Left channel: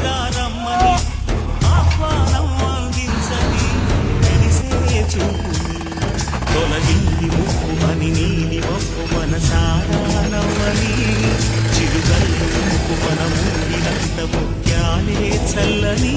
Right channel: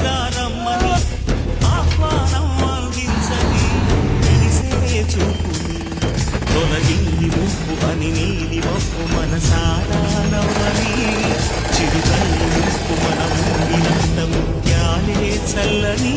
రమ్మని ఆహ్వానం అందించని మెరిసే చూపుని తొలగింది ముప్పు అని నీలి మప్పు మనసారా నవ్వని చిరుగల్లు ముప్పు మన ఊరినంత ముత్యాలే చల్లని